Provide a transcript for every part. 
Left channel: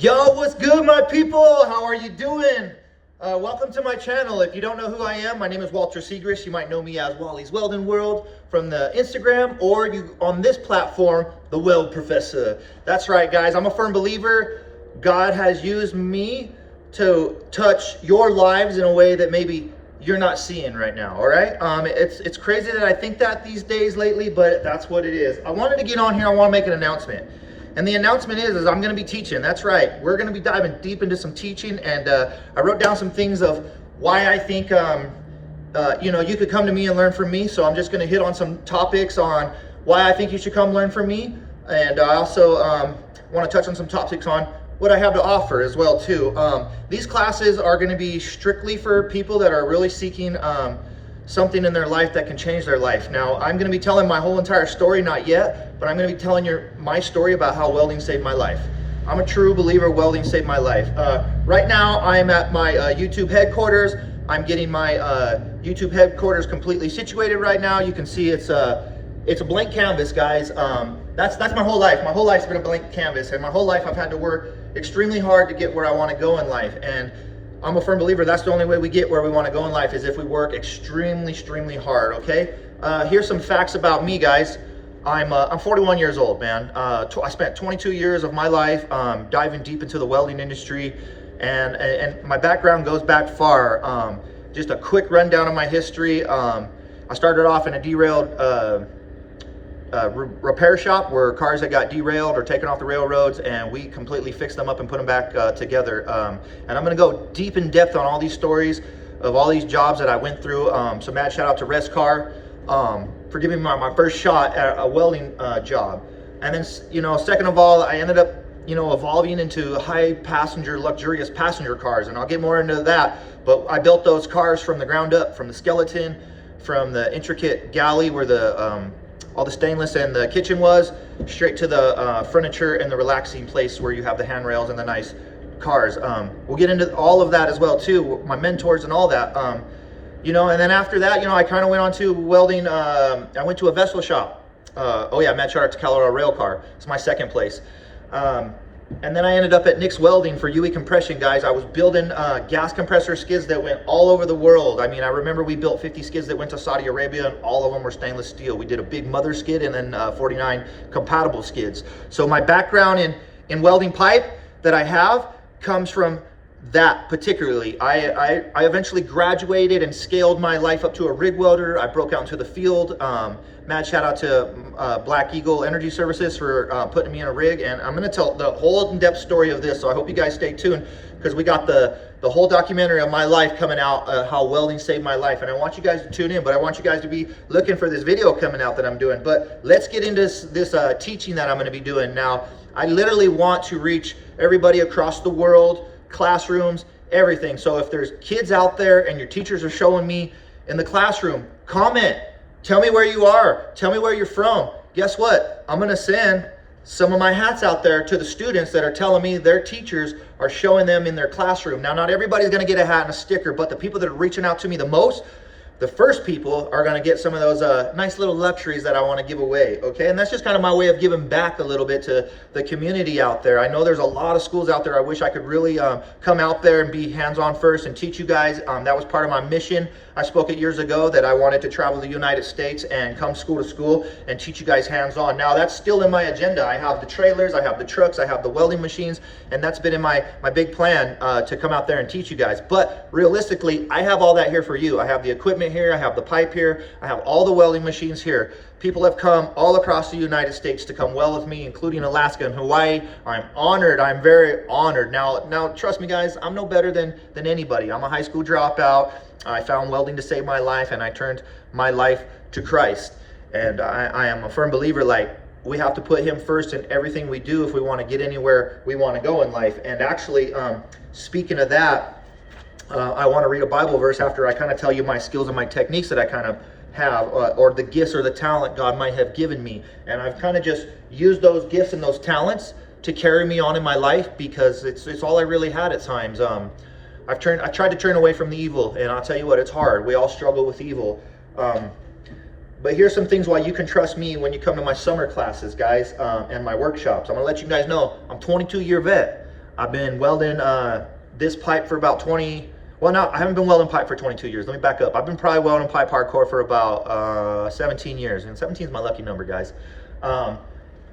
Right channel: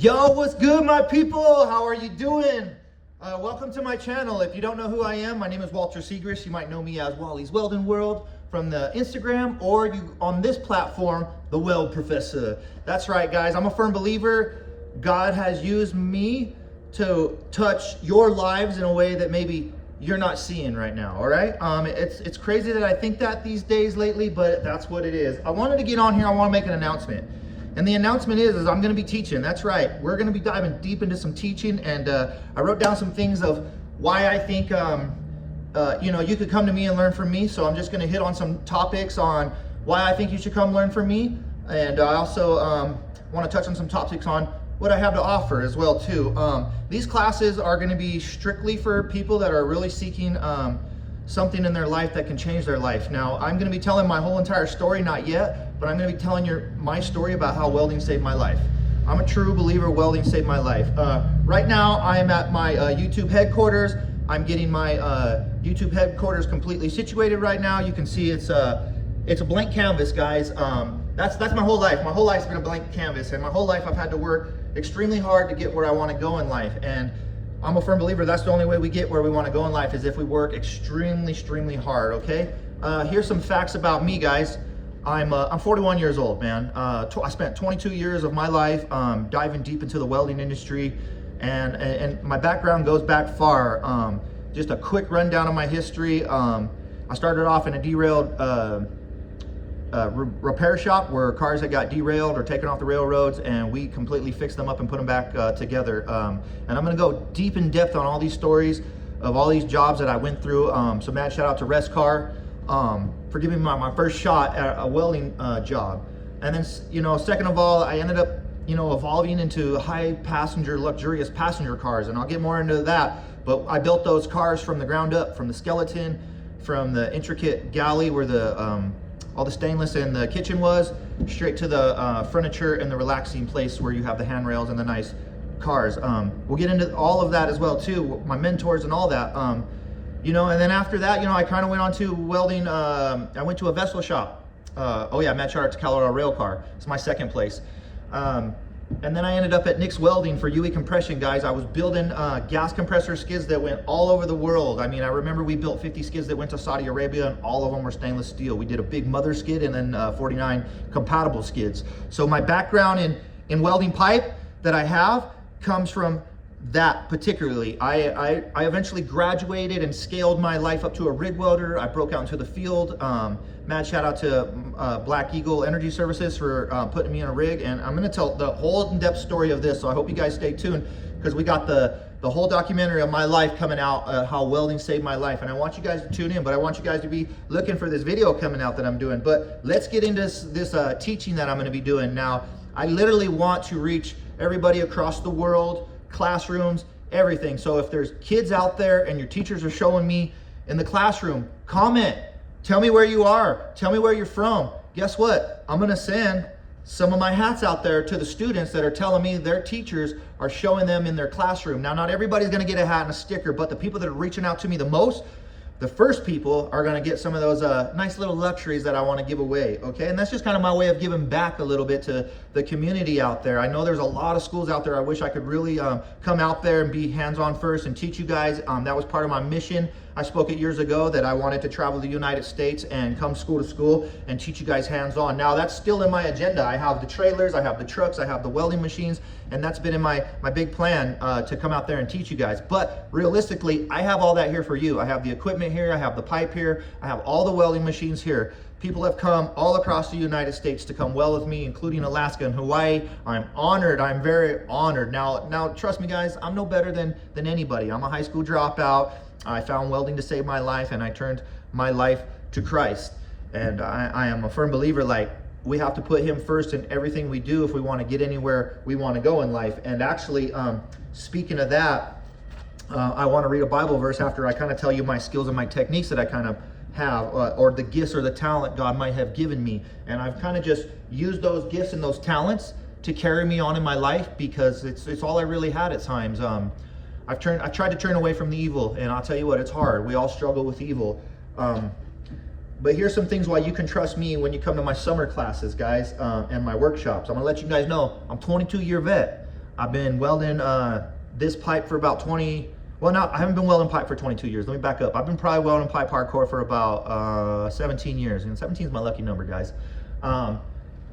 Yo, what's good, my people? How are you doing? Welcome to my channel. If you don't know who I am, my name is Walter Segrist. You might know me as Wallyz Welding World from the Instagram, or you on this platform, the Weld Professor. That's right, guys. I'm a firm believer God has used me to touch your lives in a way that maybe you're not seeing right now. All right. It's crazy that I think that these days lately, but that's what it is. I wanted to get on here. I want to make an announcement. And the announcement is I'm going to be teaching. That's right. We're going to be diving deep into some teaching. And I wrote down some things of why I think, you could come to me and learn from me. So I'm just going to hit on some topics on why I think you should come learn from me. And I also want to touch on some topics on what I have to offer as well, too. These classes are going to be strictly for people that are really seeking something in their life that can change their life. Now, I'm going to be telling my whole entire story, not yet, but I'm going to be telling you my story about how welding saved my life. I'm a true believer welding saved my life. Right now, I'm at my YouTube headquarters. I'm getting my YouTube headquarters completely situated right now. You can see it's a blank canvas, guys. That's my whole life. My whole life's been a blank canvas, and my whole life I've had to work extremely hard to get where I want to go in life. And I'm a firm believer that's the only way we get where we want to go in life is if we work extremely hard, okay? Here's some facts about me, guys. I'm 41 years old, man. I spent 22 years of my life diving deep into the welding industry, and my background goes back far. Just a quick rundown of my history. I started off in a derailed repair shop where cars that got derailed or taken off the railroads, and we completely fixed them up and put them back together. And I'm going to go deep in depth on all these stories of all these jobs that I went through. So mad shout out to Rescar for giving me my first shot at a welding job. And then, second of all, I ended up, evolving into high passenger, luxurious passenger cars, and I'll get more into that. But I built those cars from the ground up, from the skeleton, from the intricate galley where the all the stainless and the kitchen was, straight to the furniture and the relaxing place where you have the handrails and the nice cars. We'll get into all of that as well too, my mentors and all that. And then after that, I kind of went on to welding. I went to a vessel shop. Mad shout out to Colorado Railcar. It's my second place. And then I ended up at Nix Welding for UE compression, guys. I was building gas compressor skids that went all over the world. I mean, I remember we built 50 skids that went to Saudi Arabia, and all of them were stainless steel. We did a big mother skid and then 49 compatible skids. So my background in welding pipe that I have comes from that particularly. I eventually graduated and scaled my life up to a rig welder. I broke out into the field. Mad shout out to Black Eagle Energy Services for putting me in a rig, and I'm going to tell the whole in-depth story of this, so I hope you guys stay tuned because we got the whole documentary of my life coming out, how welding saved my life, and I want you guys to tune in, but I want you guys to be looking for this video coming out that I'm doing. But let's get into this teaching that I'm going to be doing now. I literally want to reach everybody across the world, classrooms, everything. So if there's kids out there and your teachers are showing me in the classroom, comment. Tell me where you are. Tell me where you're from. Guess what? I'm going to send some of my hats out there to the students that are telling me their teachers are showing them in their classroom. Now, not everybody's going to get a hat and a sticker, but the people that are reaching out to me the most, the first people are going to get some of those nice little luxuries that I want to give away, okay? And that's just kind of my way of giving back a little bit to the community out there. I know there's a lot of schools out there. I wish I could really come out there and be hands-on first and teach you guys. That was part of my mission. I spoke it years ago that I wanted to travel the United States and come school to school and teach you guys hands-on. Now, that's still in my agenda. I have the trailers, I have the trucks, I have the welding machines, and that's been in my big plan to come out there and teach you guys. But realistically, I have all that here for you. I have the equipment here, I have the pipe here, I have all the welding machines here. People have come all across the United States to come weld with me, including Alaska and Hawaii. I'm honored. I'm very honored. Now, trust me, guys, I'm no better than anybody. I'm a high school dropout. I found welding to save my life, and I turned my life to Christ. And I am a firm believer, like, we have to put him first in everything we do if we want to get anywhere we want to go in life. And actually, speaking of that, I want to read a Bible verse after I kind of tell you my skills and my techniques that I kind of have, or the gifts or the talent God might have given me. And I've kind of just used those gifts and those talents to carry me on in my life because it's all I really had at times. I tried to turn away from the evil, and I'll tell you what, it's hard. We all struggle with evil. But here's some things why you can trust me when you come to my summer classes, guys, and my workshops. I'm gonna let you guys know I'm 22-year vet. I've been welding this pipe for about 20, well, no, I haven't been welding pipe for 22 years. Let me back up. I've been probably welding pipe hardcore for about 17 years, and 17 is my lucky number, guys. And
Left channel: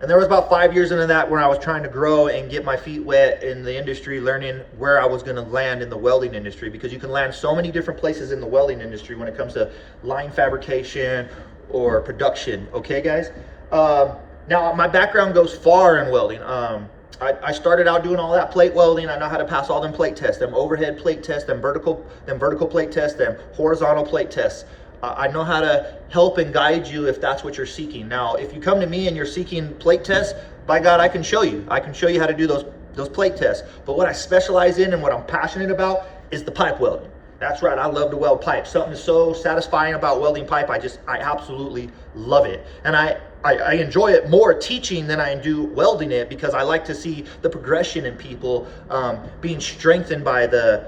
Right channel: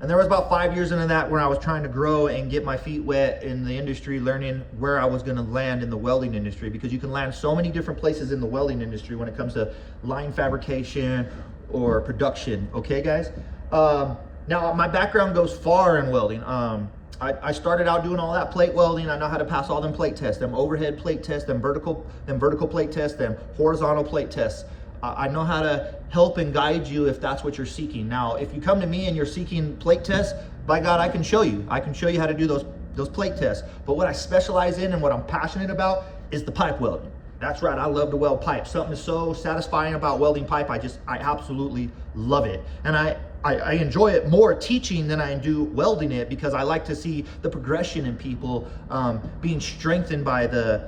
there was about 5 years into that where I was trying to grow and get my feet wet in the industry, learning where I was going to land in the welding industry, because you can land so many different places in the welding industry when it comes to line fabrication or production. Okay, guys? Now, my background goes far in welding. I started out doing all that plate welding. I know how to pass all them plate tests, them overhead plate tests, them vertical plate tests, them horizontal plate tests. I know how to help and guide you if that's what you're seeking. Now, if you come to me and you're seeking plate tests, by God, I can show you. I can show you how to do those plate tests. But what I specialize in and what I'm passionate about is the pipe welding. That's right, I love to weld pipe. Something is so satisfying about welding pipe. I absolutely love it. And I enjoy it more teaching than I do welding it, because I like to see the progression in people being strengthened by the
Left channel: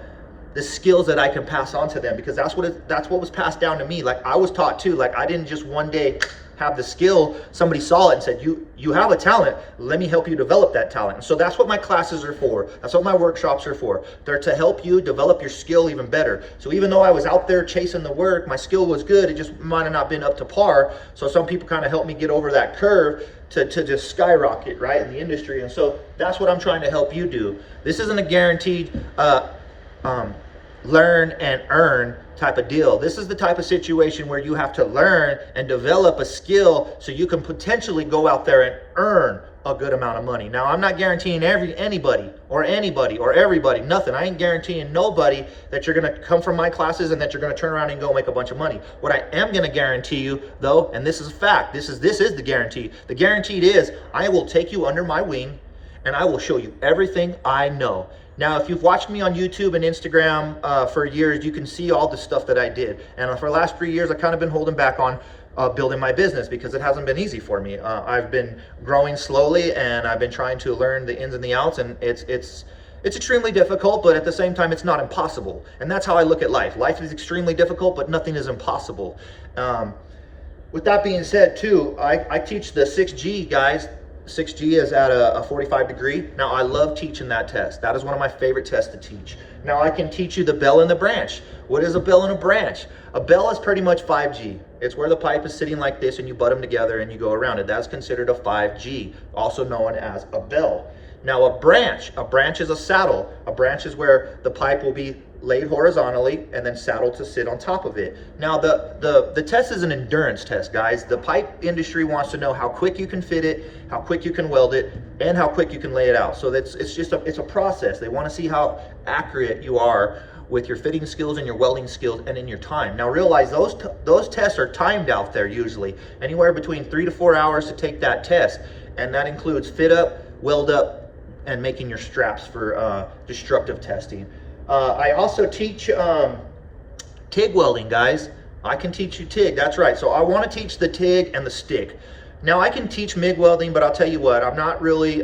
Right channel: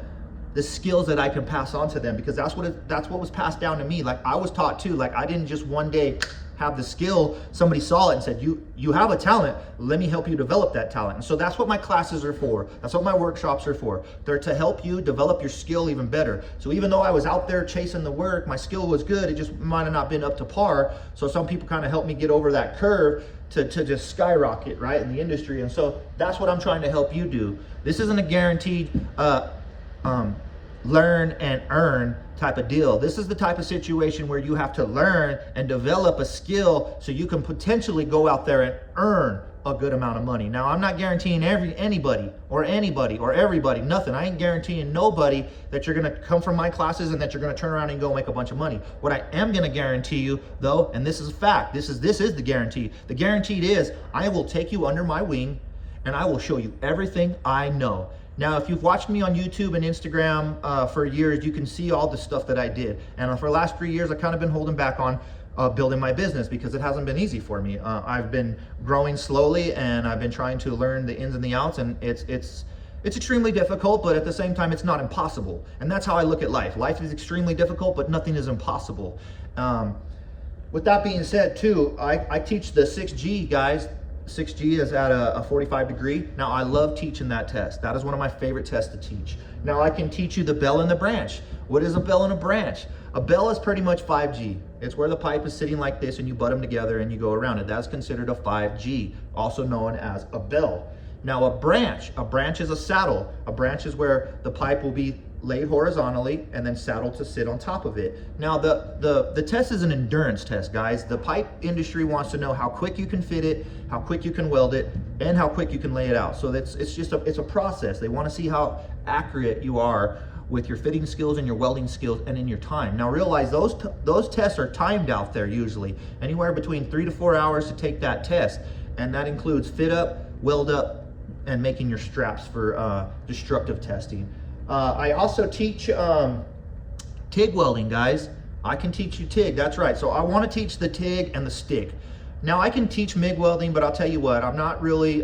skills that I can pass on to them, because that's what was passed down to me. Like, I was taught too. Like, I didn't just one day have the skill. Somebody saw it and said, you have a talent, let me help you develop that talent. And so that's what my classes are for. That's what my workshops are for. They're to help you develop your skill even better. So even though I was out there chasing the work, my skill was good, it just might have not been up to par. So some people kind of helped me get over that curve to just skyrocket, right, in the industry. And so that's what I'm trying to help you do. This isn't a guaranteed learn and earn type of deal. This is the type of situation where you have to learn and develop a skill so you can potentially go out there and earn a good amount of money. Now, I'm not guaranteeing anybody or everybody, nothing. I ain't guaranteeing nobody that you're gonna come from my classes and that you're gonna turn around and go make a bunch of money. What I am gonna guarantee you though, and this is a fact, this is the guarantee. The guaranteed is I will take you under my wing and I will show you everything I know. Now, if you've watched me on YouTube and Instagram for years, you can see all the stuff that I did. And for the last 3 years, I've kind of been holding back on building my business because it hasn't been easy for me. I've been growing slowly and I've been trying to learn the ins and the outs, and it's extremely difficult, but at the same time, it's not impossible. And that's how I look at life. Life is extremely difficult, but nothing is impossible. With that being said too, I teach the 6G, guys. 6G is at a 45 degree. Now, I love teaching that test. That is one of my favorite tests to teach. Now, I can teach you the bell and the branch. What is a bell and a branch? A bell is pretty much 5G. It's where the pipe is sitting like this and you butt them together and you go around it. That's considered a 5G, also known as a bell. Now, a branch is a saddle. A branch is where the pipe will be laid horizontally and then saddled to sit on top of it. Now, the test is an endurance test, guys. The pipe industry wants to know how quick you can fit it, how quick you can weld it, and how quick you can lay it out. So it's a process. They want to see how accurate you are with your fitting skills and your welding skills and in your time. Now, realize those tests are timed out there, usually anywhere between 3 to 4 hours to take that test, and that includes fit up, weld up, and making your straps for destructive testing. I also teach TIG welding, guys. I can teach you TIG, that's right. So I want to teach the TIG and the stick. Now, I can teach MIG welding, but I'll tell you what, I'm not really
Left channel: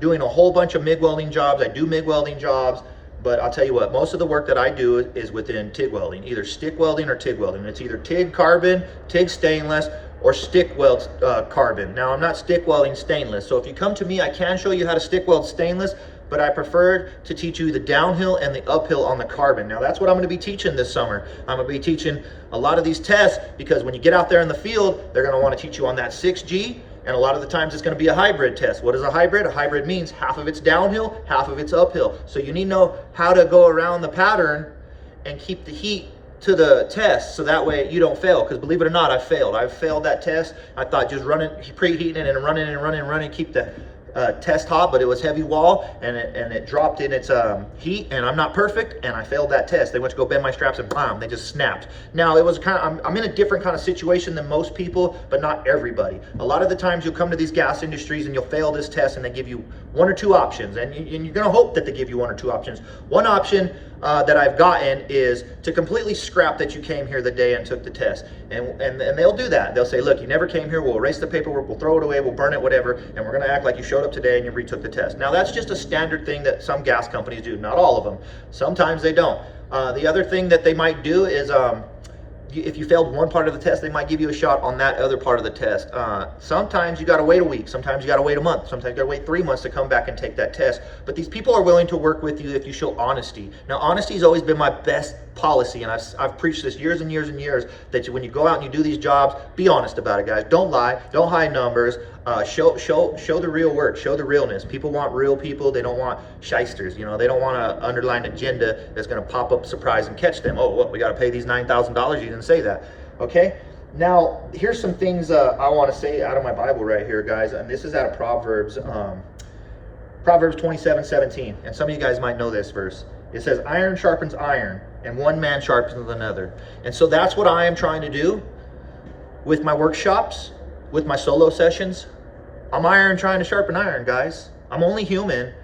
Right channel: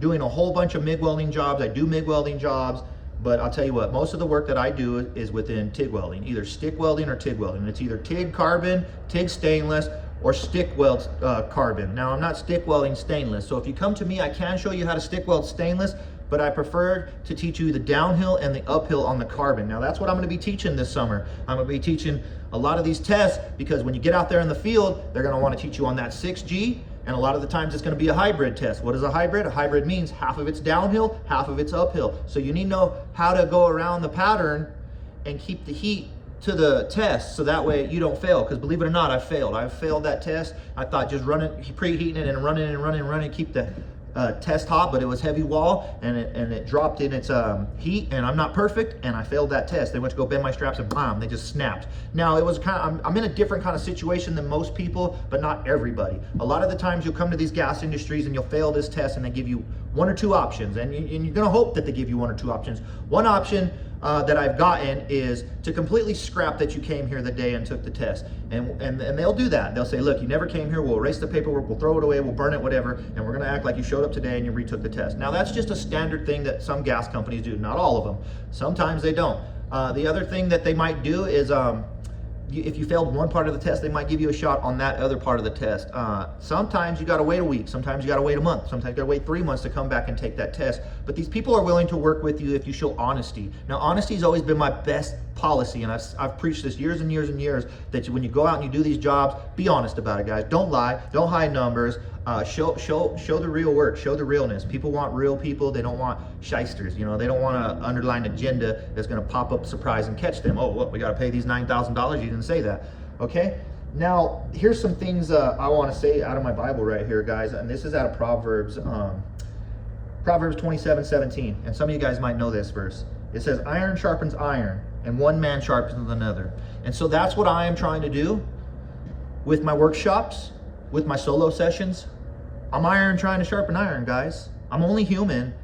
doing a whole bunch of MIG welding jobs. I do MIG welding jobs, but I'll tell you what, most of the work that I do is within TIG welding, either stick welding or TIG welding. It's either TIG carbon, TIG stainless, or stick weld carbon. Now, I'm not stick welding stainless, so if you come to me, I can show you how to stick weld stainless, but I prefer to teach you the downhill and the uphill on the carbon. Now, that's what I'm gonna be teaching this summer. I'm gonna be teaching a lot of these tests, because when you get out there in the field, they're gonna wanna teach you on that 6G, and a lot of the times it's gonna be a hybrid test. What is a hybrid? A hybrid means half of it's downhill, half of it's uphill. So you need to know how to go around the pattern and keep the heat to the test, so that way you don't fail. Because believe it or not, I've failed that test. I thought just preheating it and running, keep the test hot, but it was heavy wall and it dropped in its heat, and I'm not perfect, and I failed that test. They went to go bend my straps and bam, they just snapped. Now, it was kind of, I'm in a different kind of situation than most people, but not everybody. A lot of the times you'll come to these gas industries and you'll fail this test, and they give you 1 or 2 options, and you're gonna hope that they give you 1 or 2 options. One option that I've gotten is to completely scrap that you came here the day and took the test. And they'll do that. They'll say, look, you never came here, we'll erase the paperwork, we'll throw it away, we'll burn it, whatever, and we're gonna act like you showed up today and you retook the test. Now, that's just a standard thing that some gas companies do, not all of them. Sometimes they don't. The other thing that they might do is if you failed one part of the test, they might give you a shot on that other part of the test. Sometimes you gotta wait a week, sometimes you gotta wait a month, sometimes you gotta wait 3 months to come back and take that test. But these people are willing to work with you if you show honesty. Now, honesty has always been my best policy, and I've preached this years and years and years, that when you go out and you do these jobs, be honest about it, guys. Don't lie, don't hide numbers, show the real work, show the realness. People want real people, they don't want shysters, you know, they don't want an underlying agenda that's gonna pop up surprise and catch them. Oh, what, we gotta pay these $9,000, you didn't say that, okay? Now, here's some things I wanna say out of my Bible right here, guys, and this is out of Proverbs 27:17, and some of you guys might know this verse. It says, iron sharpens iron, and one man sharpens another. And so that's what I am trying to do with my workshops, with my solo sessions. I'm iron trying to sharpen iron, guys. I'm only human,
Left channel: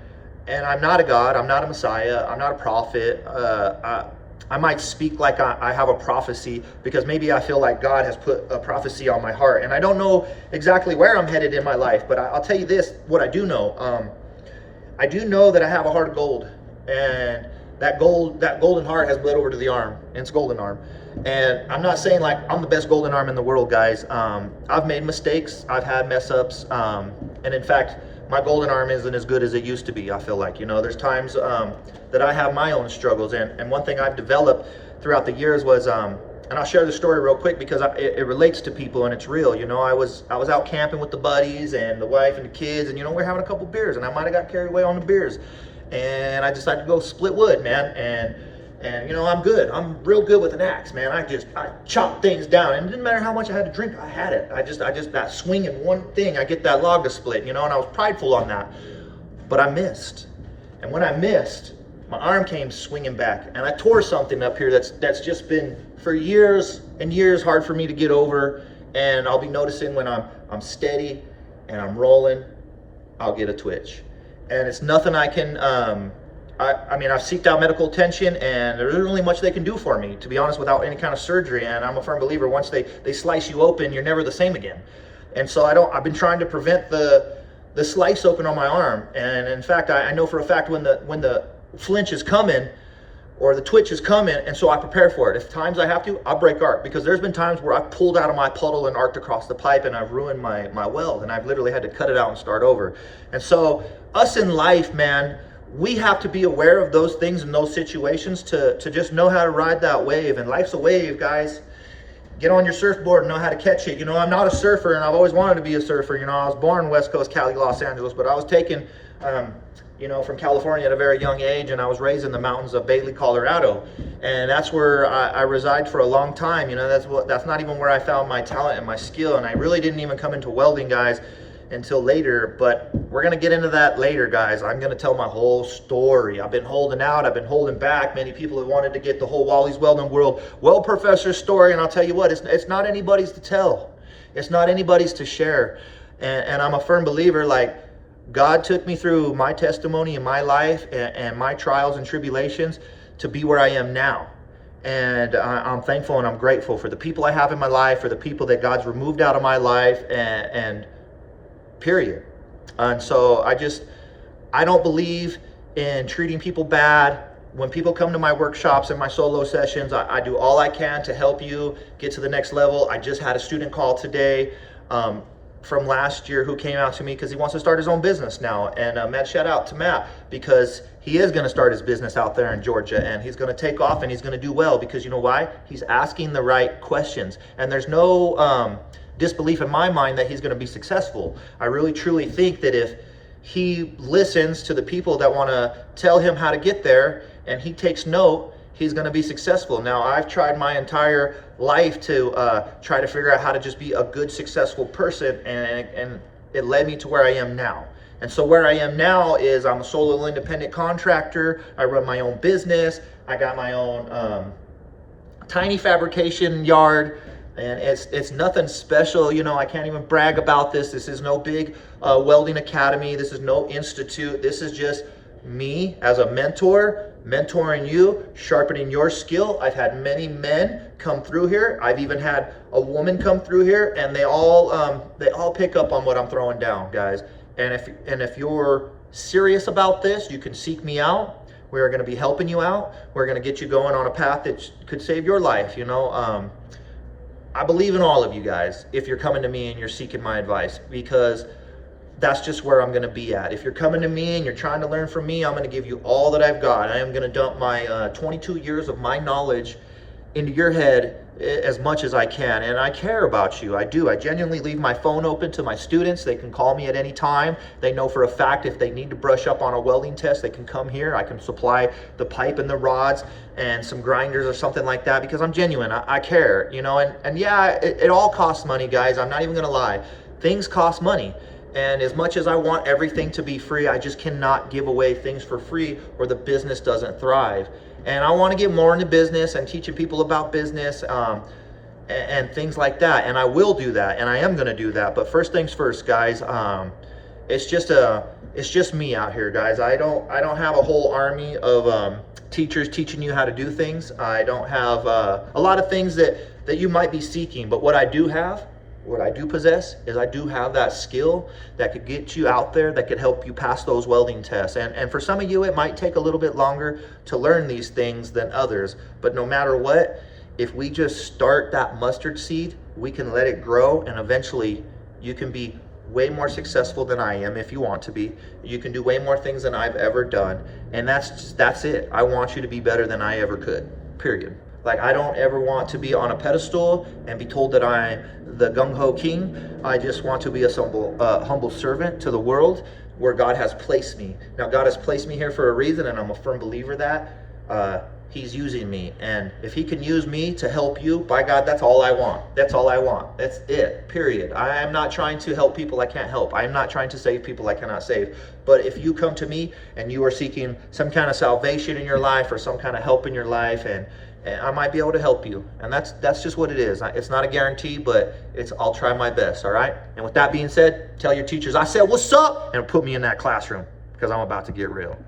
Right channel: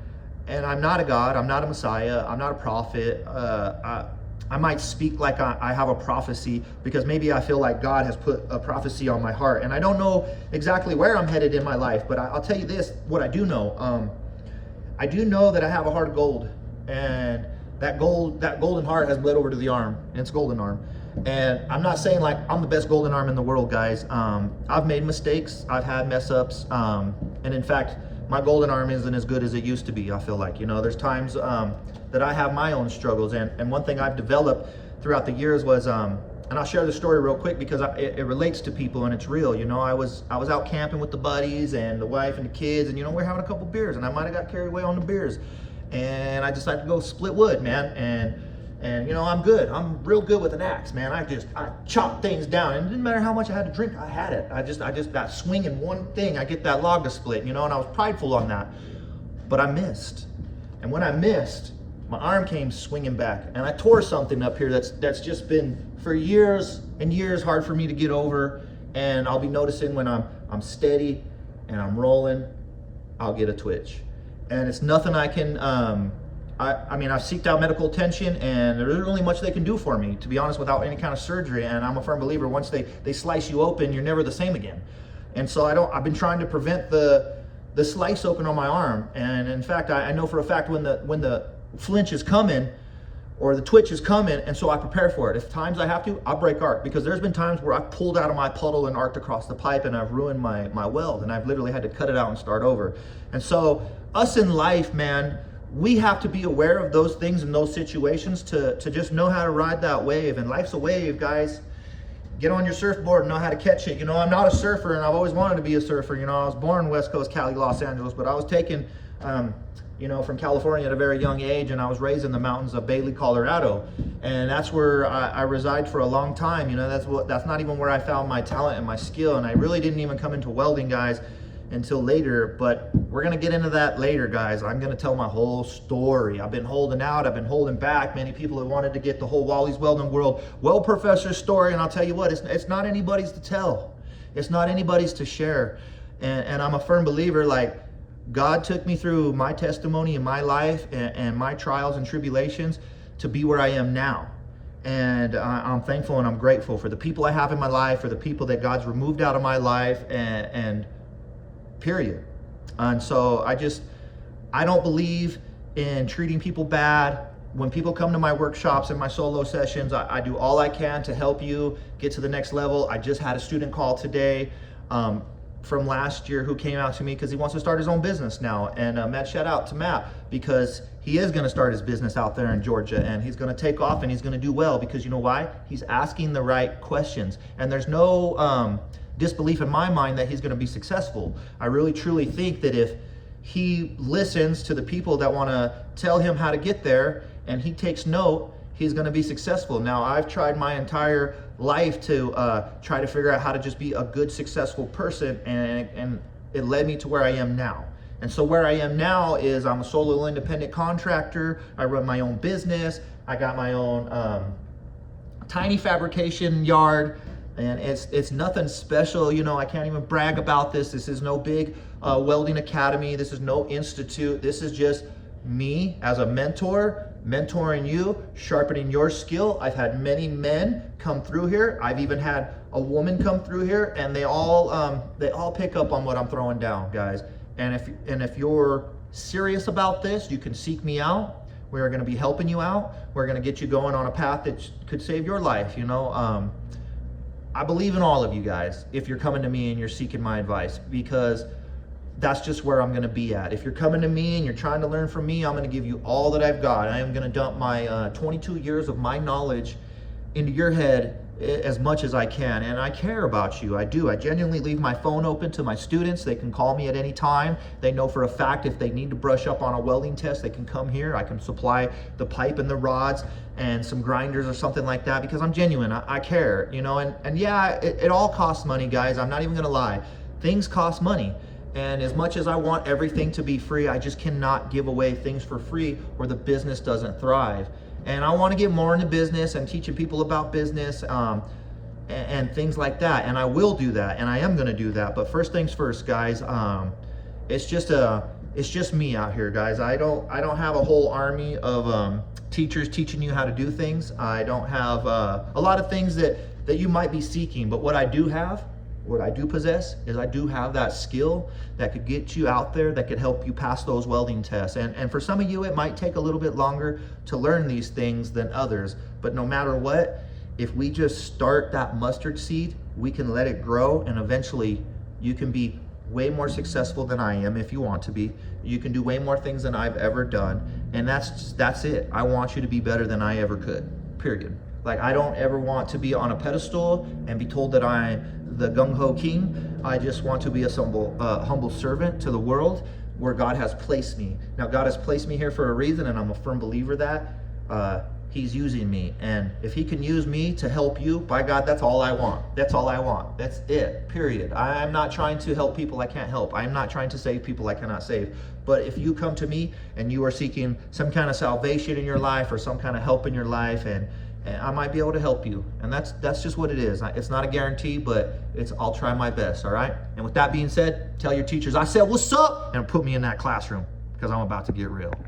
and I'm not a God, I'm not a Messiah, I'm not a prophet. I might speak like I have a prophecy, because maybe I feel like God has put a prophecy on my heart, and I don't know exactly where I'm headed in my life, but I'll tell you this, what I do know. I do know that I have a heart of gold, and that golden heart has bled over to the arm, and it's golden arm. And I'm not saying like I'm the best golden arm in the world, guys. I've made mistakes, I've had mess ups, and in fact, my golden arm isn't as good as it used to be, I feel like. You know, there's times that I have my own struggles, and one thing I've developed throughout the years was, and I'll share the story real quick because it relates to people and it's real. You know, I was out camping with the buddies and the wife and the kids, and you know, we're having a couple beers, and I might have got carried away on the beers, and I decided to go split wood, man. And you know, I'm good. I'm real good with an axe, man. I chop things down, and it didn't matter how much I had to drink. I had it. I just that swing in one thing, I get that log to split, you know. And I was prideful on that, but I missed. And when I missed, my arm came swinging back, and I tore something up here that's just been for years and years hard for me to get over. And I'll be noticing when I'm steady and I'm rolling, I'll get a twitch, and it's nothing I can. I mean, I've seeked out medical attention, and there isn't really much they can do for me, to be honest, without any kind of surgery. And I'm a firm believer, once they slice you open, you're never the same again. And so I've been trying to prevent the slice open on my arm. And in fact, I know for a fact when the flinch is coming, or the twitch is coming, and so I prepare for it. If times I have to, I'll break arc, because there's been times where I've pulled out of my puddle and arced across the pipe, and I've ruined my weld, and I've literally had to cut it out and start over. And so us in life, man, we have to be aware of those things and those situations to just know how to ride that wave. And life's a wave, guys. Get on your surfboard and know how to catch it. You know, I'm not a surfer, and I've always wanted to be a surfer. You know, I was born West Coast, Cali, Los Angeles, but I was taken, you know, from California at a very young age, and I was raised in the mountains of Bailey, Colorado. And that's where I reside for a long time. You know, that's not even where I found my talent and my skill. And I really didn't even come into welding, guys, until later, but we're gonna get into that later, guys. I'm gonna tell my whole story. I've been holding out, I've been holding back. Many people have wanted to get the whole Wallyz Welding World Weld Professor story, and I'll tell you what, it's not anybody's to tell. It's not anybody's to share. And I'm a firm believer, like, God took me through my testimony in my life and my trials and tribulations to be where I am now. And I'm thankful and I'm grateful for the people I have in my life, for the people that God's removed out of my life, and period. And so I don't believe in treating people bad. When people come to my workshops and my solo sessions, I do all I can to help you get to the next level. I just had a student call today from last year who came out to me because he wants to start his own business now. And Matt, shout out to Matt, because he is going to start his business out there in Georgia, and he's going to take off and he's going to do well, because you know why? He's asking the right questions, and there's no disbelief in my mind that he's going to be successful. I really truly think that if he listens to the people that want to tell him how to get there and he takes note, he's going to be successful. Now, I've tried my entire life to try to figure out how to just be a good, successful person, and it led me to where I am now. And so where I am now is I'm a solo independent contractor. I run my own business. I got my own tiny fabrication yard. And it's nothing special, you know. I can't even brag about this. This is no big welding academy. This is no institute. This is just me as a mentor, mentoring you, sharpening your skill. I've had many men come through here. I've even had a woman come through here, and they all pick up on what I'm throwing down, guys. And if you're serious about this, you can seek me out. We're going to be helping you out. We're going to get you going on a path that could save your life, you know. I believe in all of you guys if you're coming to me and you're seeking my advice, because that's just where I'm gonna be at. If you're coming to me and you're trying to learn from me, I'm gonna give you all that I've got. I am gonna dump my 22 years of my knowledge into your head as much as I can. And I care about you, I do. I genuinely leave my phone open to my students. They can call me at any time. They know for a fact if they need to brush up on a welding test, they can come here. I can supply the pipe and the rods and some grinders or something like that, because I'm genuine, I care, you know. And yeah, it all costs money, guys. I'm not even gonna lie. Things cost money. And as much as I want everything to be free, I just cannot give away things for free or the business doesn't thrive. And I want to get more into business and teaching people about business and things like that. And I will do that, and I am going to do that. But first things first, guys. It's just me out here, guys. I don't have a whole army of teachers teaching you how to do things. I don't have a lot of things that you might be seeking. But what I do have, what I do possess, is I do have that skill that could get you out there, that could help you pass those welding tests. And for some of you, it might take a little bit longer to learn these things than others. But no matter what, if we just start that mustard seed, we can let it grow, and eventually you can be way more successful than I am if you want to be. You can do way more things than I've ever done. And that's it. I want you to be better than I ever could, period. Like, I don't ever want to be on a pedestal and be told that I'm the gung-ho king. I just want to be a humble servant to the world where God has placed me. Now, God has placed me here for a reason, and I'm a firm believer that He's using me. And if He can use me to help you, by God, that's all I want. That's all I want. That's it, period. I am not trying to help people I can't help. I am not trying to save people I cannot save. But if you come to me and you are seeking some kind of salvation in your life or some kind of help in your life, and I might be able to help you. And that's just what it is. It's not a guarantee, but I'll try my best, all right? And with that being said, tell your teachers I said, what's up? And put me in that classroom, because I'm about to get real.